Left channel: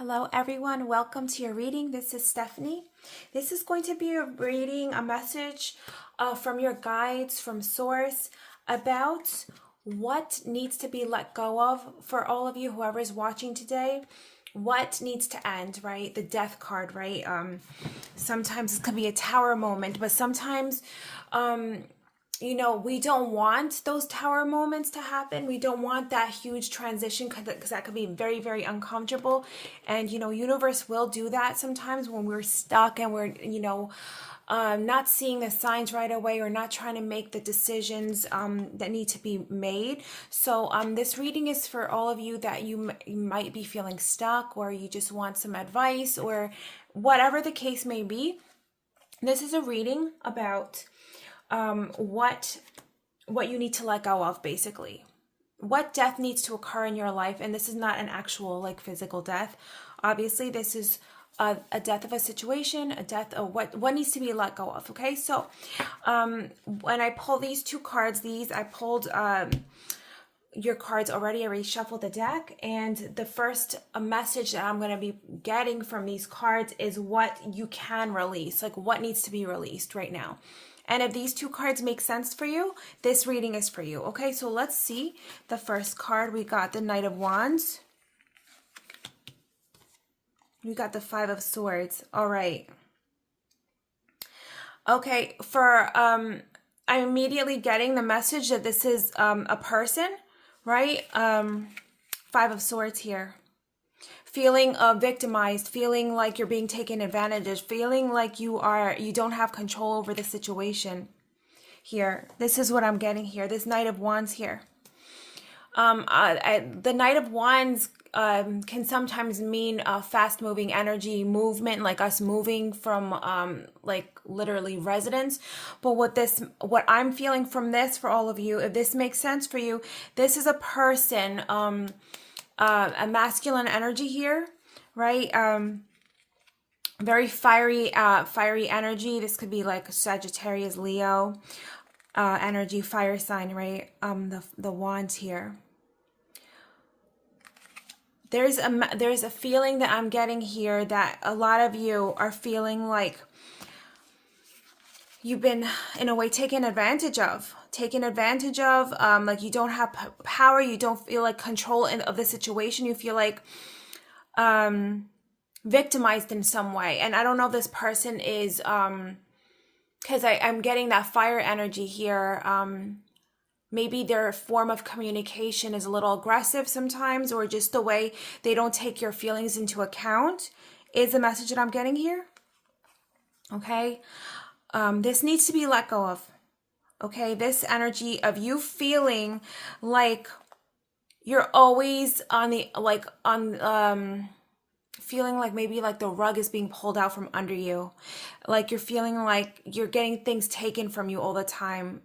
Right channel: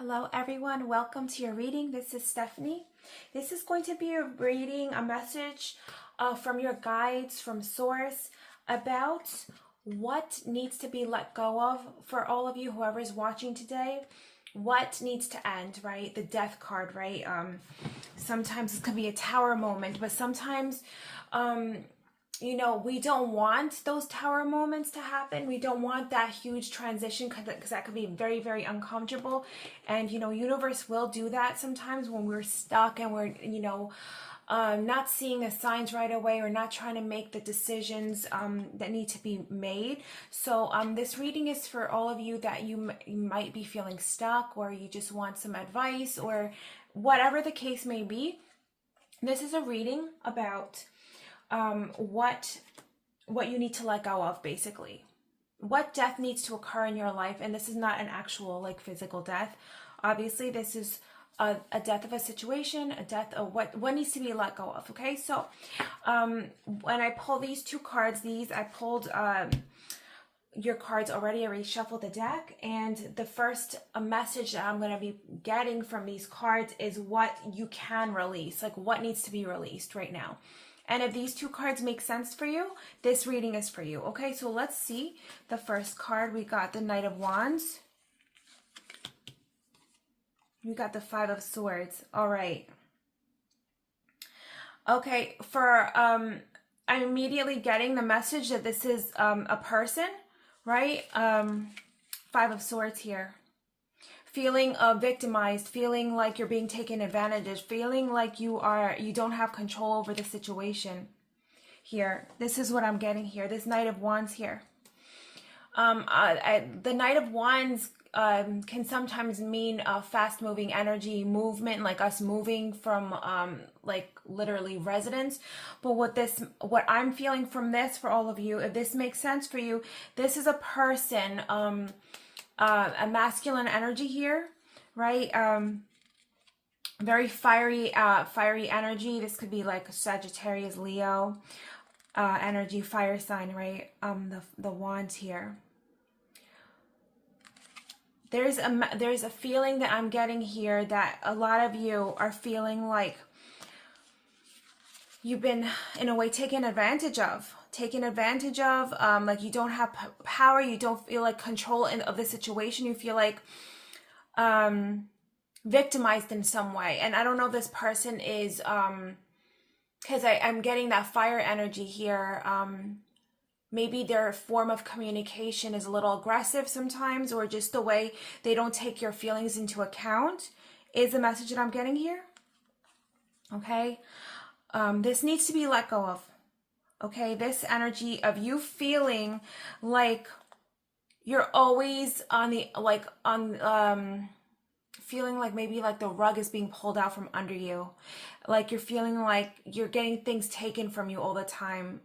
Hello everyone, welcome to your reading. This is Stephanie. This is going to be a reading, a message from your guides, from Source, about what needs to be let go of for all of you, whoever is watching today. What needs to end, right? The death card, right? Sometimes it could be a tower moment, but sometimes we don't want those tower moments to happen. We don't want that huge transition because that could be very, very uncomfortable. And, universe will do that sometimes when we're stuck and we're, not seeing the signs right away or not trying to make the decisions that need to be made. So this reading is for all of you that you might be feeling stuck, or you just want some advice, or whatever the case may be. This is a reading about what you need to let go of, basically. What death needs to occur in your life, and this is not an actual physical death. Obviously, this is a death of a situation, a death of what needs to be let go of. Okay, so when I pull these two cards, I pulled your cards already. I already shuffled the deck, and the first message that I'm going to be getting from these cards is what you can release, like what needs to be released right now. And if these two cards make sense for you, this reading is for you. Okay, so let's see the first card. We got the Knight of Wands. We got the Five of Swords. All right. Okay, I'm immediately getting the message that this is a person, right? Five of Swords here. Feeling victimized, feeling like you're being taken advantage of, feeling like you don't have control over the situation here. This is what I'm getting here. This Knight of Wands here. The Knight of Wands can sometimes mean fast-moving energy, movement, like us moving from literally residence. But what I'm feeling from this, for all of you, if this makes sense for you, this is a person. A masculine energy here, right? Very fiery energy. This could be like a Sagittarius, Leo energy, fire sign, right? The wands here. There's a feeling that I'm getting here that a lot of you are feeling like you've been, in a way, taken advantage of. Like you don't have power, you don't feel like control of the situation, you feel like victimized in some way. And I don't know if this person is because I'm getting that fire energy here. Maybe their form of communication is a little aggressive sometimes, or just the way they don't take your feelings into account is the message that I'm getting here. Okay, this needs to be let go of. Okay, this energy of you feeling like you're always on the, feeling like maybe like the rug is being pulled out from under you. Like you're feeling like you're getting things taken from you all the time,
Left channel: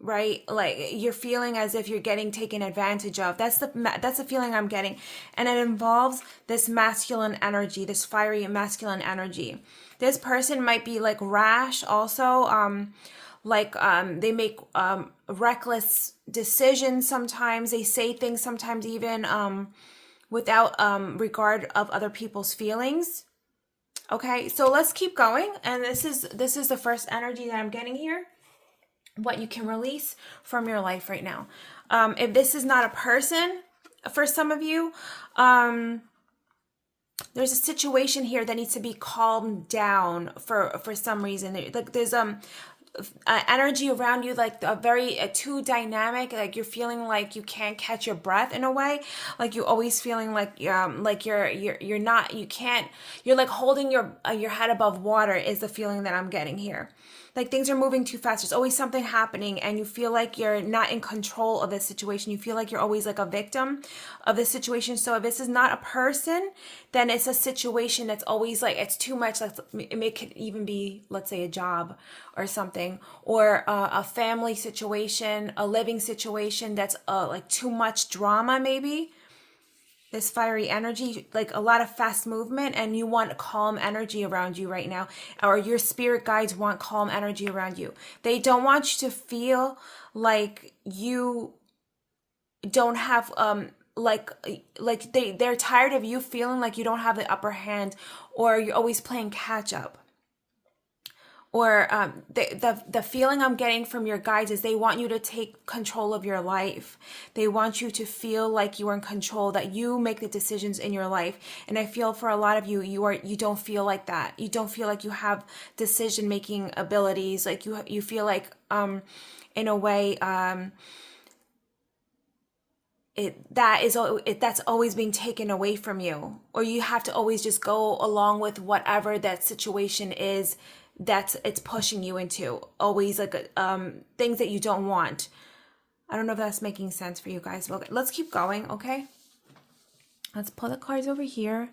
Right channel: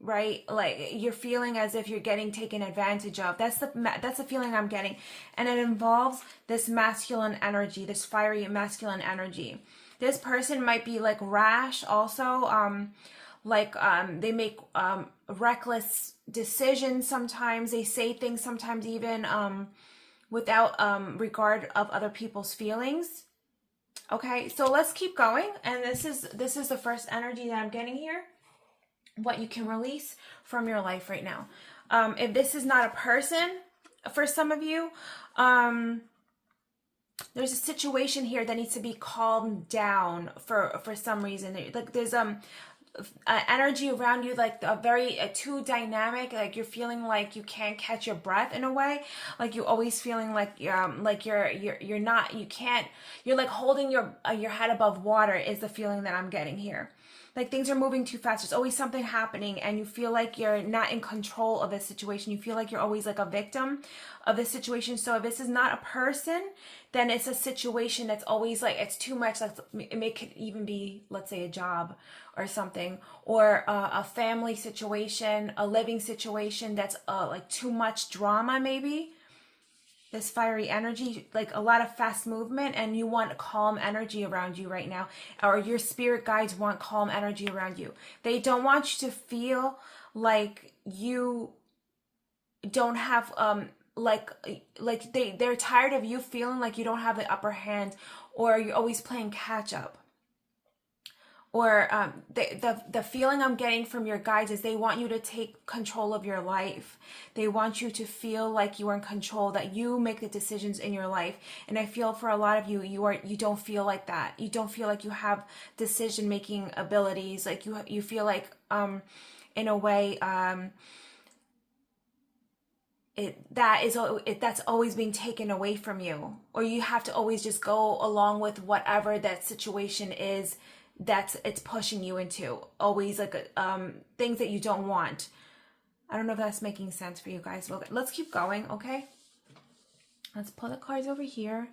right? Like you're feeling as if you're getting taken advantage of. That's the feeling I'm getting. And it involves this masculine energy, this fiery masculine energy. This person might be like rash also, they make reckless decisions sometimes. They say things sometimes even without regard of other people's feelings. Okay, so let's keep going. And this is the first energy that I'm getting here. What you can release from your life right now. If this is not a person, for some of you, there's a situation here that needs to be calmed down for some reason. There's energy around you, like a very too dynamic, like you're feeling like you can't catch your breath in a way, like you're always feeling like you're not, you can't, you're like holding your head above water is the feeling that I'm getting here. Like things are moving too fast. There's always something happening and you feel like you're not in control of the situation. You feel like you're always like a victim of the situation. So if this is not a person, then it's a situation that's always like, it's too much. Like it could even be, let's say, a job or something, or a family situation, a living situation that's like too much drama maybe. This fiery energy, like a lot of fast movement, and you want calm energy around you right now, or your spirit guides want calm energy around you. They don't want you to feel like you don't have like they're tired of you feeling like you don't have the upper hand, or you're always playing catch up. Or the feeling I'm getting from your guides is they want you to take control of your life. They want you to feel like you are in control, that you make the decisions in your life. And I feel for a lot of you, you don't feel like that. You don't feel like you have decision making abilities. Like you feel like in a way that's always being taken away from you, or you have to always just go along with whatever that situation is it's pushing you into, always like things that you don't want. I don't know if that's making sense for you guys. Let's keep going. Okay, let's pull the cards over here.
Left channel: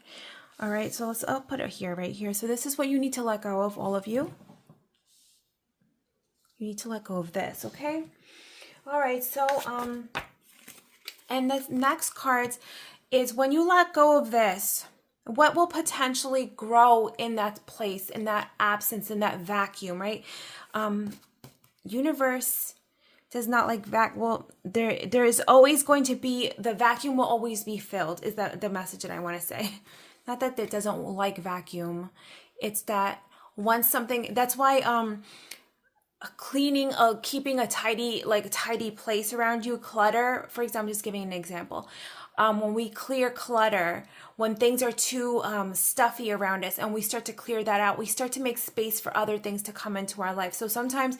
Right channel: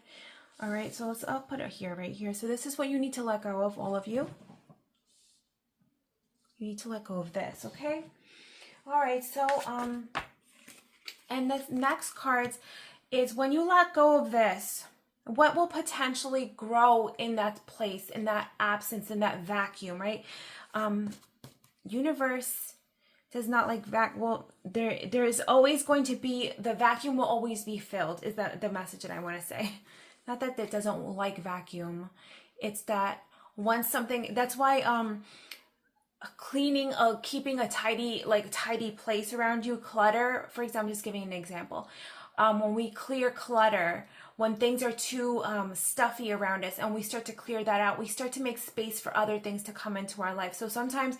All right, so I'll put it here, right here. So this is what you need to let go of, all of you. You need to let go of this. Okay, all right. So and the next cards is, when you let go of this, what will potentially grow in that place, in that absence, in that vacuum, right? Universe does not like well, there is always going to be, the vacuum will always be filled, is that the message that I want to say. Not that it doesn't like vacuum. It's that once something, that's why cleaning, keeping a tidy place around you, clutter, for example, I'm just giving an example. When we clear clutter, when things are too stuffy around us and we start to clear that out, we start to make space for other things to come into our life. So sometimes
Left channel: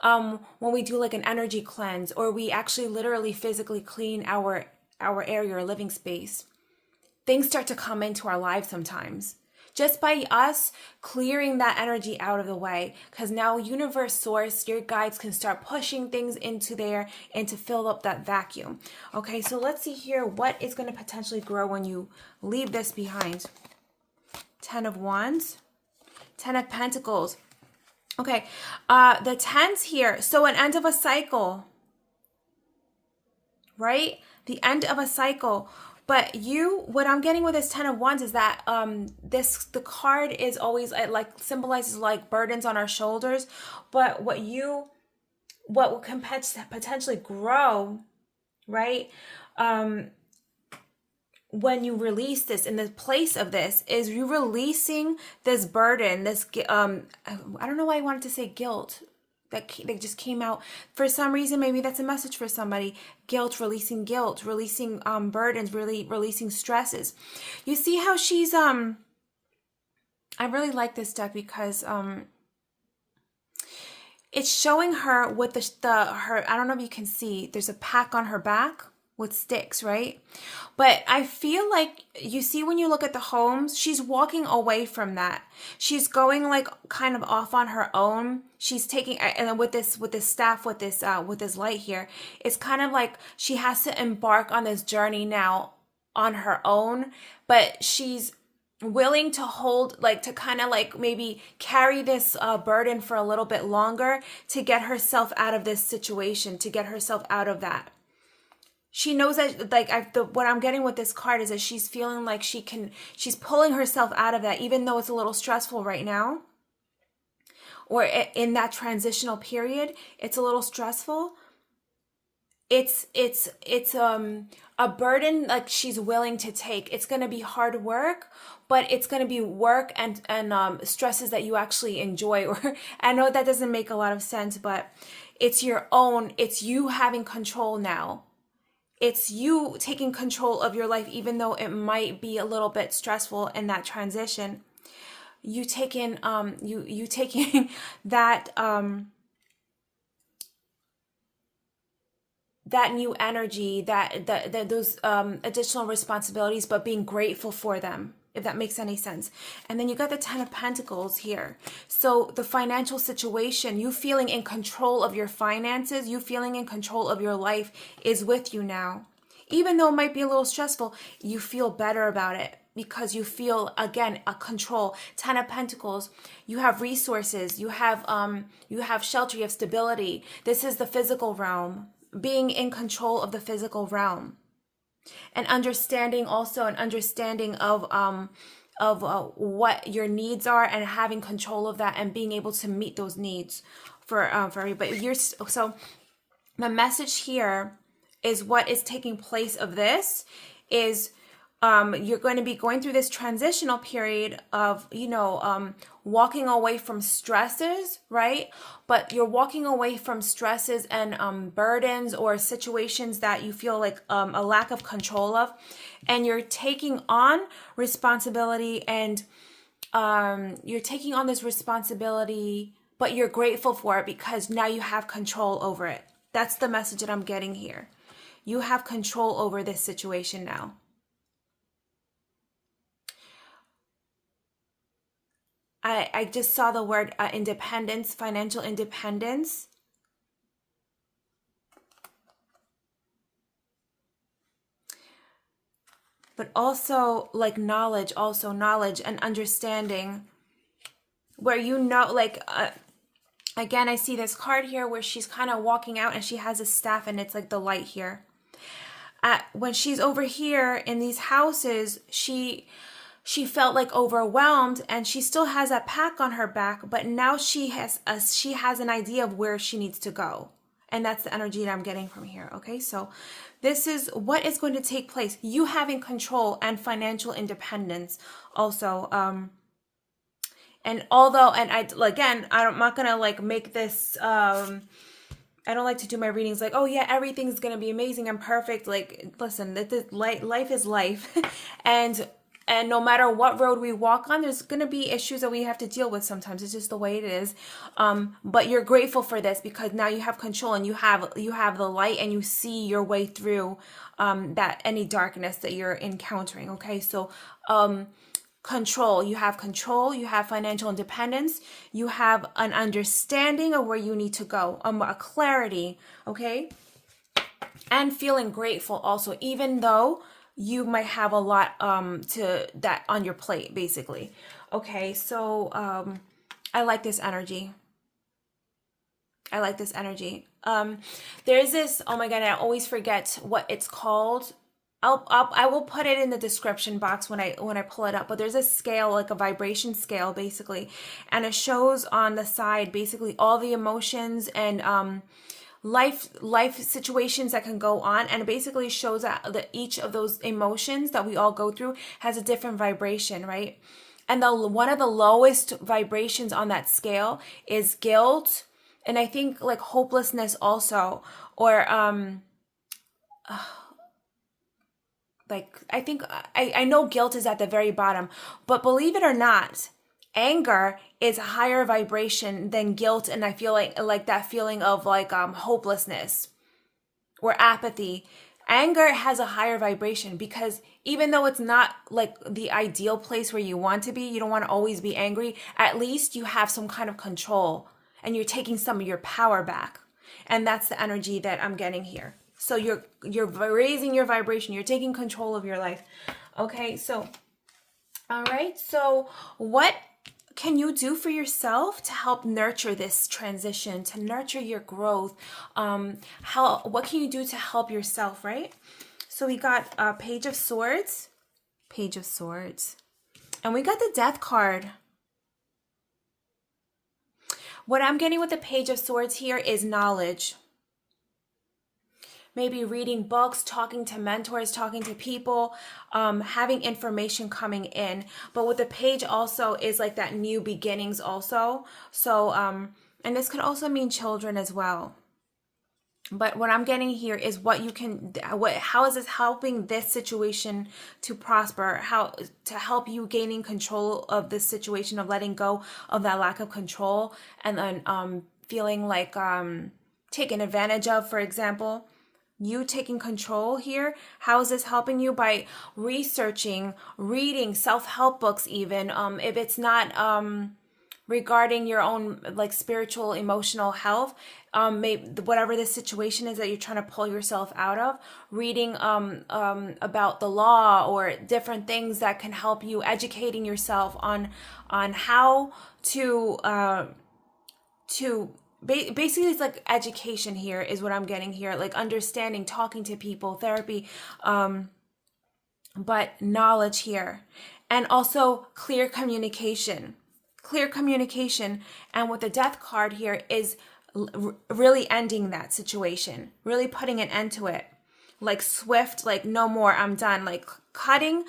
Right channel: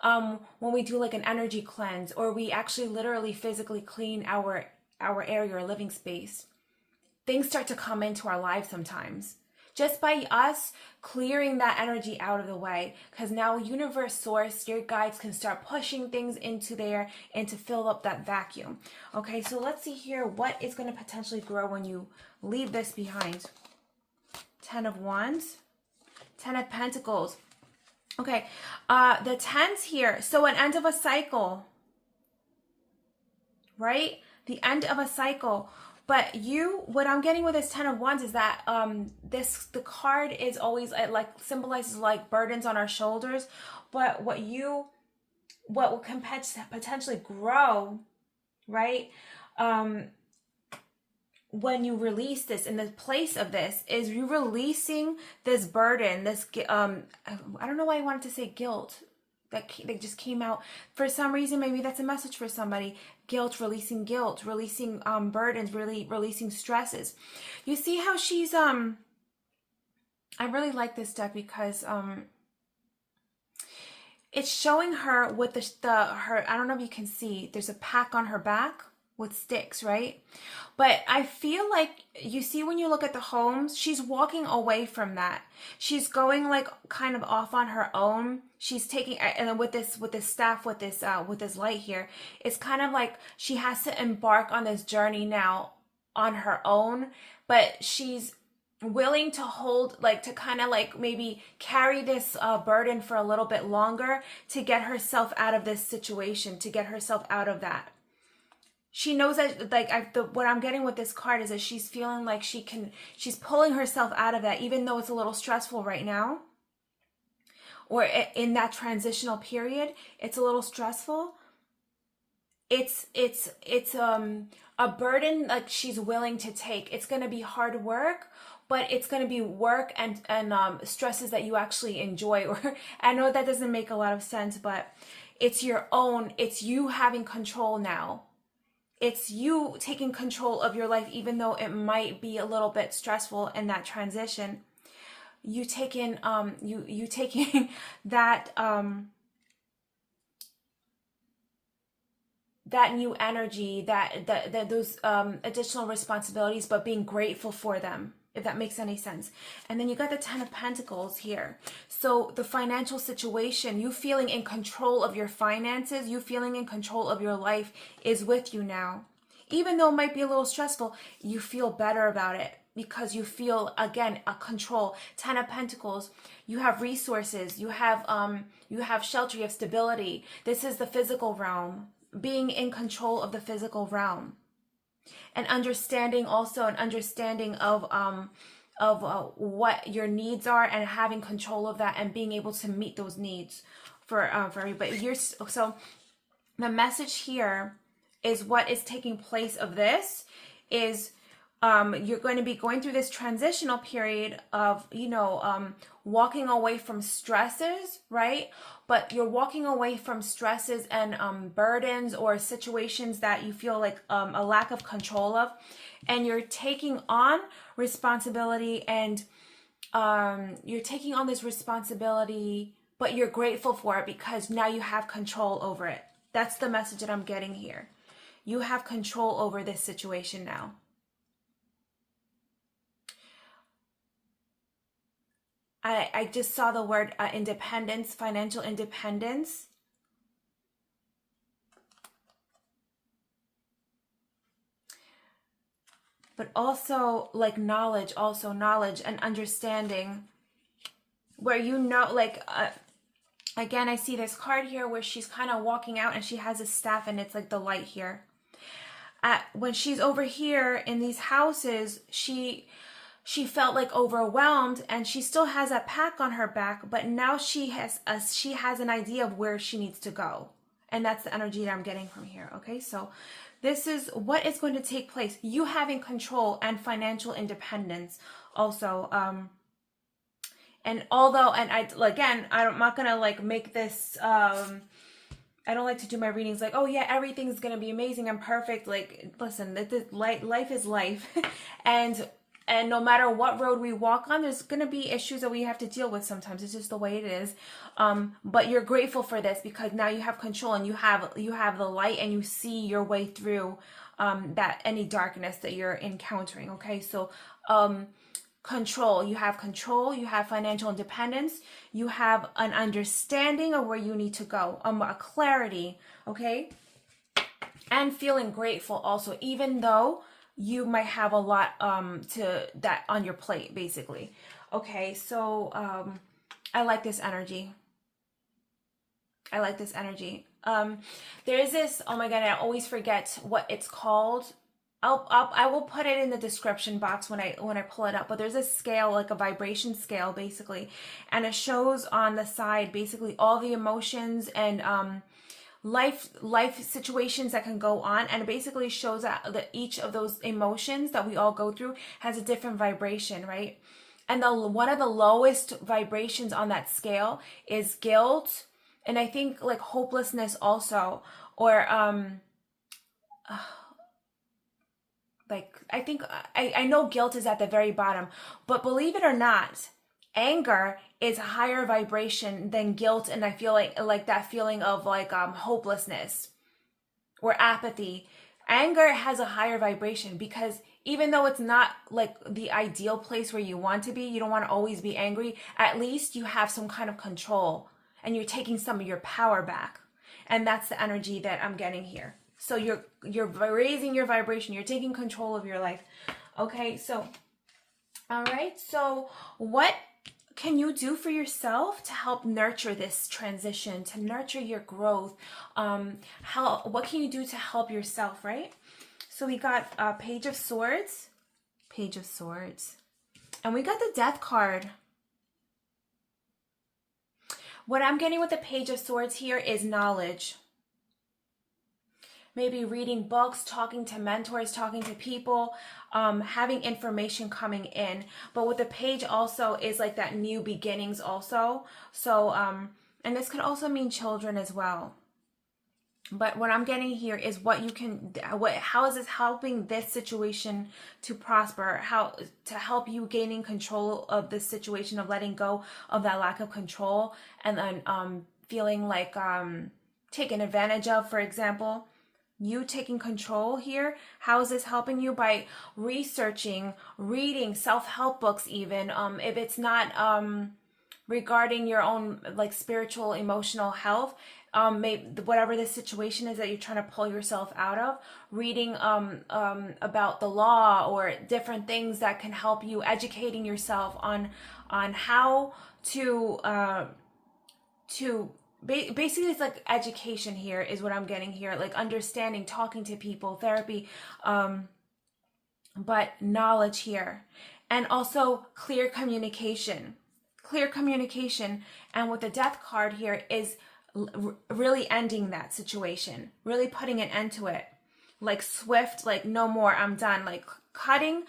when we do like an energy cleanse, or we actually literally physically clean our area or living space, things start to come into our lives sometimes. Just by us clearing that energy out of the way, because now universe, source, your guides can start pushing things into there and to fill up that vacuum. Okay, so let's see here what is going to potentially grow when you leave this behind. 10 of Wands, 10 of Pentacles. Okay, the 10s here. So an end of a cycle, right? The end of a cycle. But what I'm getting with this 10 of Wands is that the card is always like symbolizes like burdens on our shoulders. But what can potentially grow, right? When you release this, in the place of this, is you releasing this burden, this I don't know why I wanted to say guilt. That just came out for some reason. Maybe that's a message for somebody. Guilt, releasing burdens, really releasing stresses. You see how she's I really like this deck because it's showing her with her, I don't know if you can see, there's a pack on her back with sticks, right? But I feel like, you see, when you look at the homes, she's walking away from that. She's going like kind of off on her own. She's taking, and then with this staff, with this light here, it's kind of like she has to embark on this journey now on her own, but she's willing to hold, like, to kind of like maybe carry this burden for a little bit longer to get herself out of this situation, to get herself out of that. She knows that, like, what I'm getting with this card is that she's feeling like she's pulling herself out of that, even though it's a little stressful right now, or in that transitional period, it's a little stressful. It's a burden like she's willing to take. It's going to be hard work, but it's going to be work and stresses that you actually enjoy. Or I know that doesn't make a lot of sense, but it's your own. It's you having control now. It's you taking control of your life, even though it might be a little bit stressful in that transition. You taking you taking that that new energy, that those additional responsibilities, but being grateful for them, if that makes any sense. And then you got the 10 of Pentacles here. So the financial situation, you feeling in control of your finances, you feeling in control of your life is with you now. Even though it might be a little stressful, you feel better about it because you feel, again, a control. 10 of Pentacles, you have resources, you have shelter, you have stability. This is the physical realm, being in control of the physical realm. And understanding also, an understanding of what your needs are, and having control of that, and being able to meet those needs for everybody. So the message here is what is taking place of this is you're going to be going through this transitional period of, walking away from stresses, right? But you're walking away from stresses and burdens or situations that you feel like a lack of control of. And you're taking on responsibility and you're taking on this responsibility, but you're grateful for it because now you have control over it. That's the message that I'm getting here. You have control over this situation now. I just saw the word independence, financial independence. But also like knowledge and understanding where again, I see this card here where she's kind of walking out and she has a staff and it's like the light here. When she's over here in these houses, she felt like overwhelmed and she still has that pack on her back, but now she has an idea of where she needs to go. And that's the energy that I'm getting from here. Okay, so this is what is going to take place. You having control and financial independence also. And I'm not going to like make this, I don't like to do my readings like, oh yeah, everything's going to be amazing and perfect. Like, listen, life is life. And no matter what road we walk on, there's going to be issues that we have to deal with sometimes. It's just the way it is. But you're grateful for this because now you have control and you have the light and you see your way through that any darkness that you're encountering. Okay, so control. You have financial independence. You have an understanding of where you need to go, a clarity. Okay, and feeling grateful also, even though you might have a lot to that on your plate, basically. Okay, so I like this energy. There is this, oh my god, I always forget what it's called. I will put it in the description box when I pull it up, but there's a scale, like a vibration scale basically, and it shows on the side basically all the emotions and life situations that can go on, and it basically shows that each of those emotions that we all go through has a different vibration, right? And one of the lowest vibrations on that scale is guilt, and I think like hopelessness also, or I know guilt is at the very bottom, but believe it or not, anger is a higher vibration than guilt, and I feel like that feeling of hopelessness or apathy. Anger has a higher vibration because even though it's not like the ideal place where you want to be, you don't want to always be angry, at least you have some kind of control and you're taking some of your power back. And that's the energy that I'm getting here. So you're raising your vibration, you're taking control of your life. Okay, so all right, so what can you do for yourself to help nurture this transition, to nurture your growth? What can you do to help yourself, right? So we got Page of Swords, and we got the Death card. What I'm getting with the Page of Swords here is knowledge. Maybe reading books, talking to mentors, talking to people, having information coming in. But with the page also is like that new beginnings also. So, and this could also mean children as well. But what I'm getting here is how is this helping this situation to prosper? How to help you gaining control of this situation, of letting go of that lack of control, and then feeling like taken advantage of, for example. You taking control here. How is this helping you? By researching, reading self-help books, even if it's not regarding your own like spiritual, emotional health, maybe whatever the situation is that you're trying to pull yourself out of, reading about the law or different things that can help you, educating yourself on how to basically it's like education here is what I'm getting here, like understanding, talking to people, therapy, but knowledge here, and also clear communication. And with the Death card here is really ending that situation, really putting an end to it. like swift, like no more, I'm done, like cutting,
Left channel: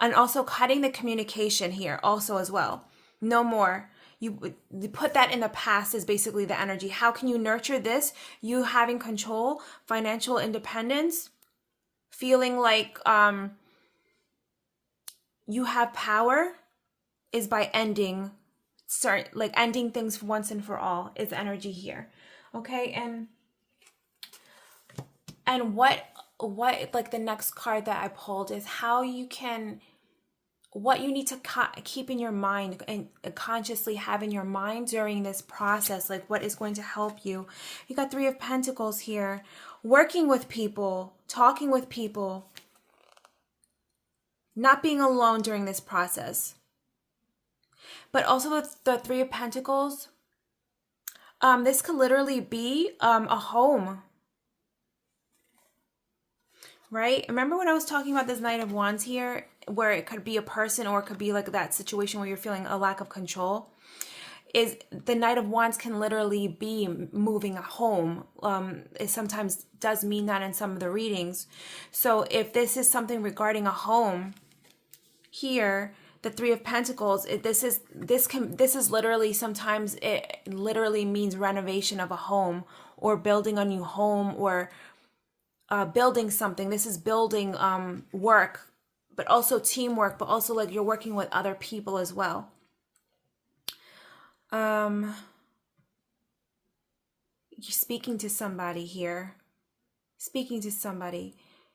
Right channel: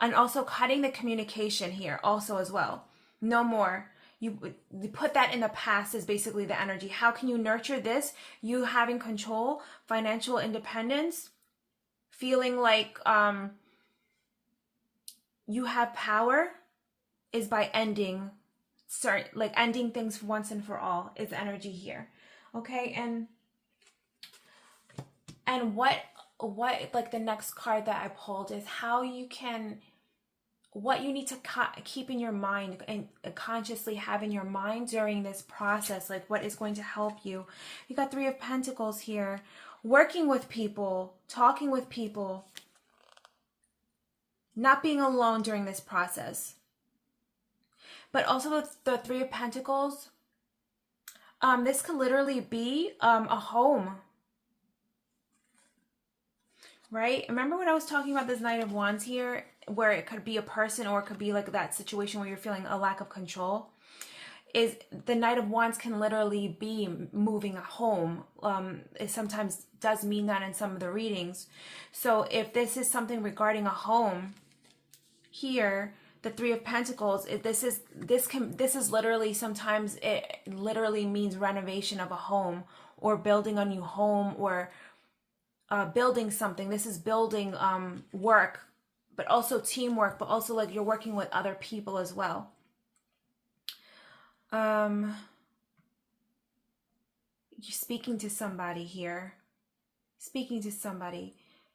and also cutting the communication here also as well. No more. You put that in the past is basically the energy. How can you nurture this? You having control, financial independence, feeling like you have power is by ending ending things once and for all is the energy here. Okay, and what like the next card that I pulled is how you can, what you need to keep in your mind and consciously have in your mind during this process, like what is going to help you. You got Three of Pentacles here, working with people, talking with people, not being alone during this process. But also with the Three of Pentacles, this could literally be a home, right? Remember when I was talking about this Knight of Wands here, where it could be a person or it could be like that situation where you're feeling a lack of control? Is the Knight of Wands can literally be moving a home. It sometimes does mean that in some of the readings. So if this is something regarding a home here, the Three of Pentacles, this is literally, sometimes it literally means renovation of a home or building a new home or building something. This is building work, but also teamwork, but also like you're working with other people as well. You're speaking to somebody here,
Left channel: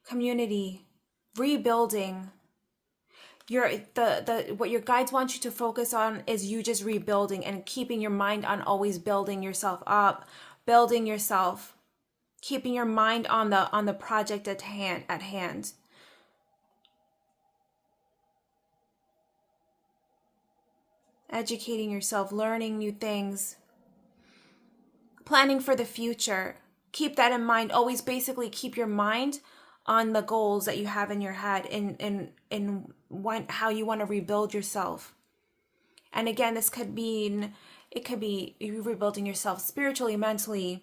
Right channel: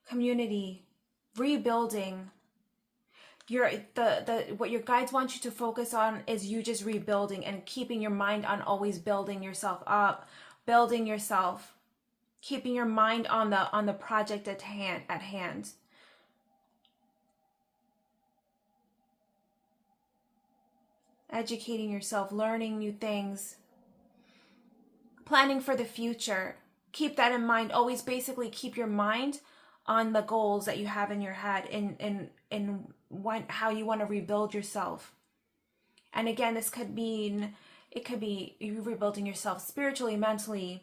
community, rebuilding. What your guides want you to focus on is you just rebuilding and keeping your mind on always building yourself up, building yourself, keeping your mind on the project at hand. Educating yourself, learning new things, planning for the future. Keep that in mind. Always basically keep your mind on the goals that you have in your head and how you want to rebuild yourself. And again, this could mean, it could be you rebuilding yourself spiritually, mentally,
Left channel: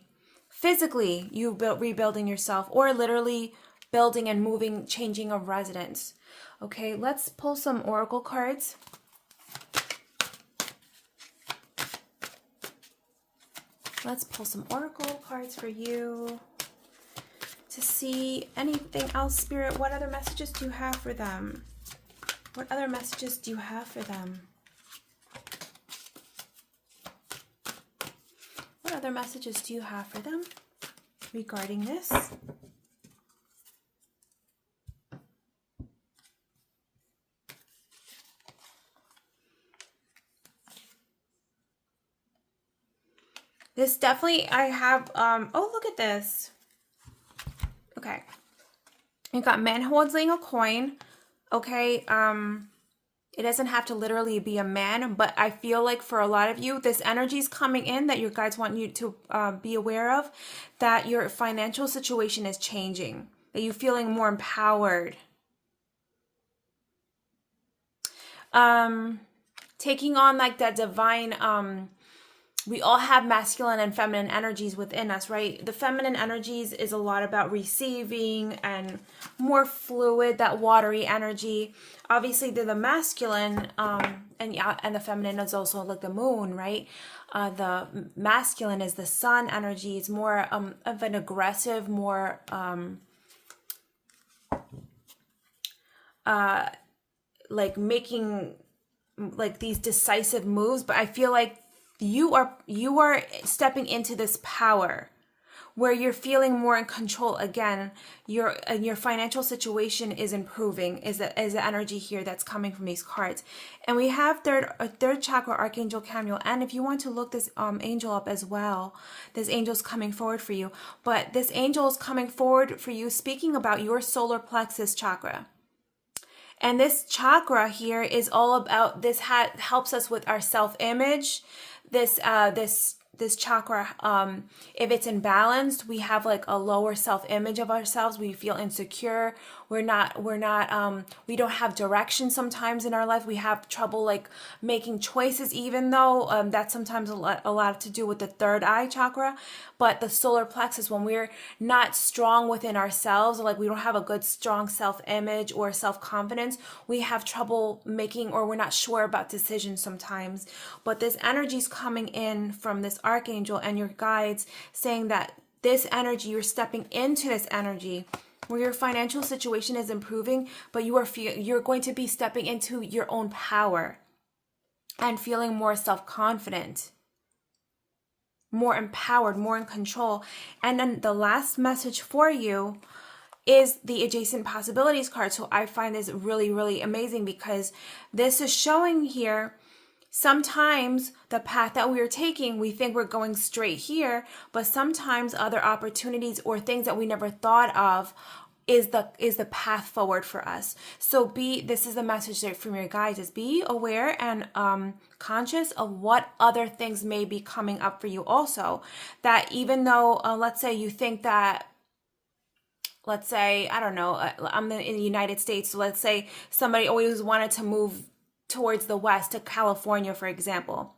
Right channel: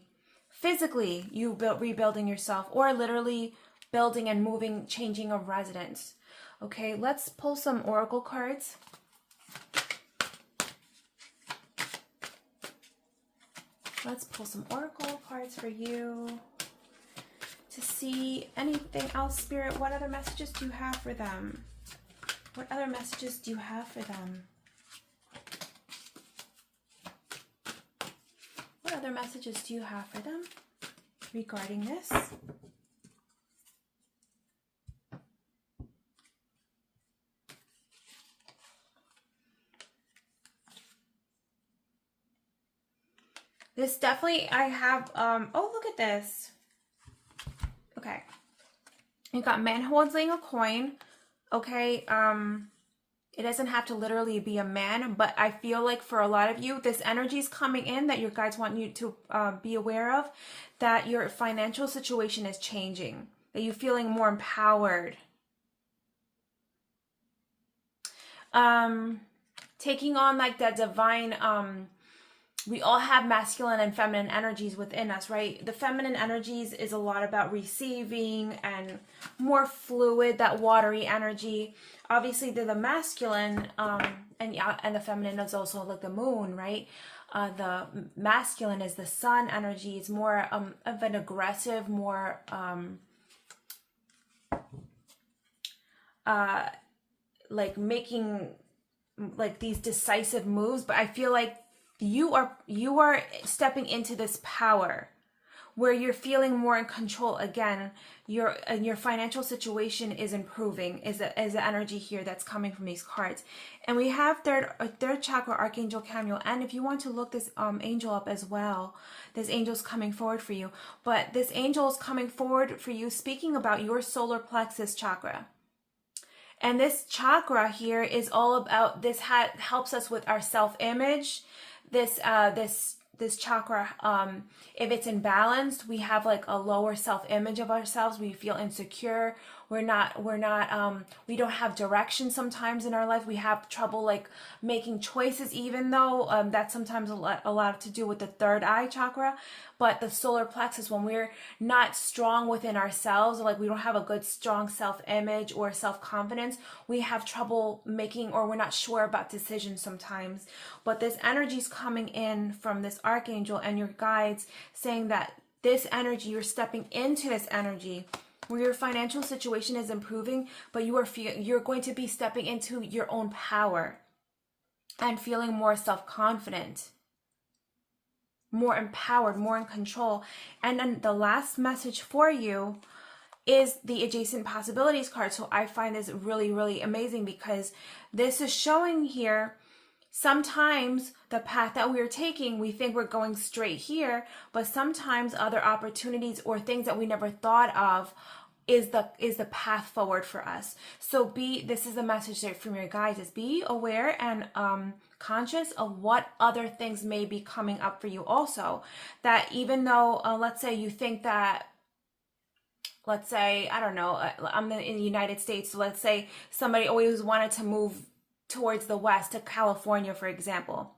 physically, rebuilding yourself, or literally building and moving, changing a residence. Okay, let's pull some oracle cards. Let's pull some oracle cards for you to see anything else. Spirit, what other messages do you have for them? What other messages do you have for them? What other messages do you have for them regarding this? This definitely, I have, oh, look at this. Okay. You got man holding a coin. Okay. It doesn't have to literally be a man, but I feel like for a lot of you, this energy is coming in that your guides want you to be aware of, that your financial situation is changing, that you're feeling more empowered. Taking on like that divine, we all have masculine and feminine energies within us, right? The feminine energies is a lot about receiving and more fluid, that watery energy. Obviously, they're the masculine, and the feminine is also like the moon, right? The masculine is the sun energy. It's more of an aggressive, more like making like these decisive moves. But I feel like you are stepping into this power where you're feeling more in control again. Your financial situation is improving, is the energy here that's coming from these cards. And we have third chakra Archangel Chamuel. And if you want to look this angel up as well, this angel's coming forward for you. But this angel is coming forward for you, speaking about your solar plexus chakra. And this chakra here is all about this. Helps us with our self-image. This chakra, if it's imbalanced, we have like a lower self-image of ourselves. We feel insecure. we don't have direction sometimes in our life. We have trouble like making choices, even though that's sometimes a lot to do with the third eye chakra. But the solar plexus, when we're not strong within ourselves, like we don't have a good strong self-image or self-confidence, we have trouble making, or we're not sure about decisions sometimes. But this energy is coming in from this archangel and your guides saying that this energy, you're stepping into this energy where your financial situation is improving, but you're going to be stepping into your own power and feeling more self-confident, more empowered, more in control. And then the last message for you is the adjacent possibilities card. So I find this really, really amazing, because this is showing here sometimes the path that we're taking, we think we're going straight here, but sometimes other opportunities or things that we never thought of is the path forward for us. So this is the message there from your guides, is be aware and conscious of what other things may be coming up for you also. That even though, let's say you think that, let's say, I don't know, I'm in the United States, so let's say somebody always wanted to move towards the west, to California, for example.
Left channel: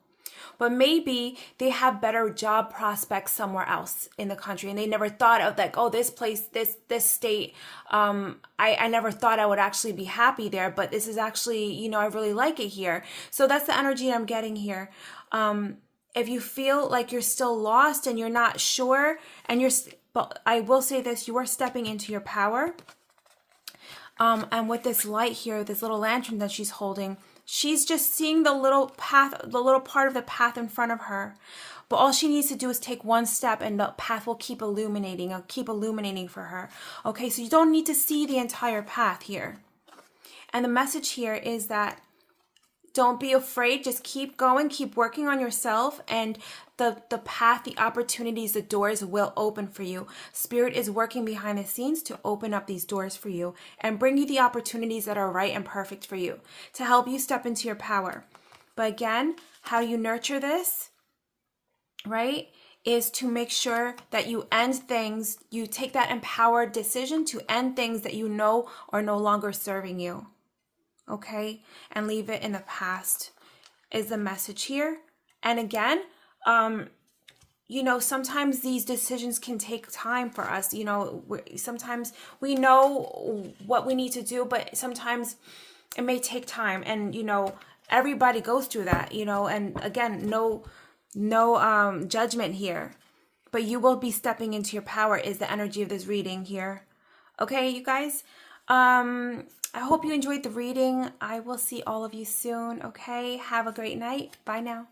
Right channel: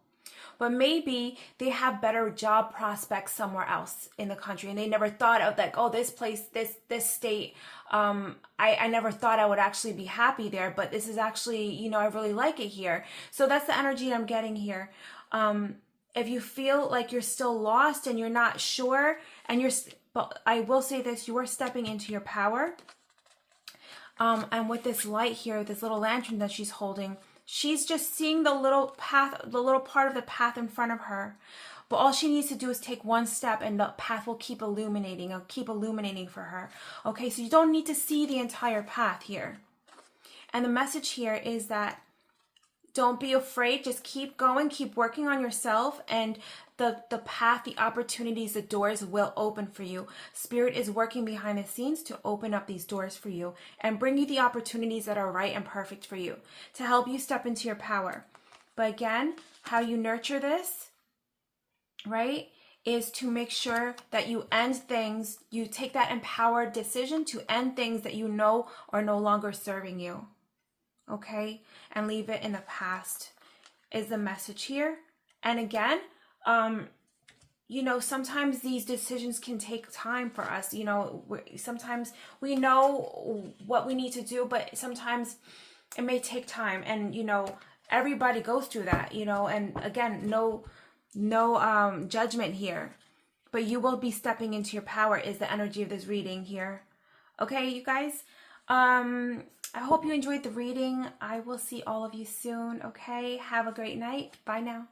But maybe they have better job prospects somewhere else in the country, and they never thought of like, oh, this place, this state, I never thought I would actually be happy there, but this is actually, I really like it here. So that's the energy I'm getting here. If you feel like you're still lost and you're not sure, but I will say this, you are stepping into your power. And with this light here, this little lantern that she's holding, she's just seeing the little path, the little part of the path in front of her. But all she needs to do is take one step, and the path will keep illuminating for her. Okay, so you don't need to see the entire path here. And the message here is that don't be afraid. Just keep going, keep working on yourself, and the path, the opportunities, the doors will open for you. Spirit is working behind the scenes to open up these doors for you and bring you the opportunities that are right and perfect for you to help you step into your power. But again, how you nurture this, right, is to make sure that you end things, you take that empowered decision to end things that you know are no longer serving you. Okay, and leave it in the past is the message here. And again, sometimes these decisions can take time for us. Sometimes we know what we need to do, but sometimes it may take time. And, everybody goes through that, and again, no judgment here, but you will be stepping into your power is the energy of this reading here. Okay, you guys, I hope you enjoyed the reading. I will see all of you soon. Okay, have a great night. Bye now.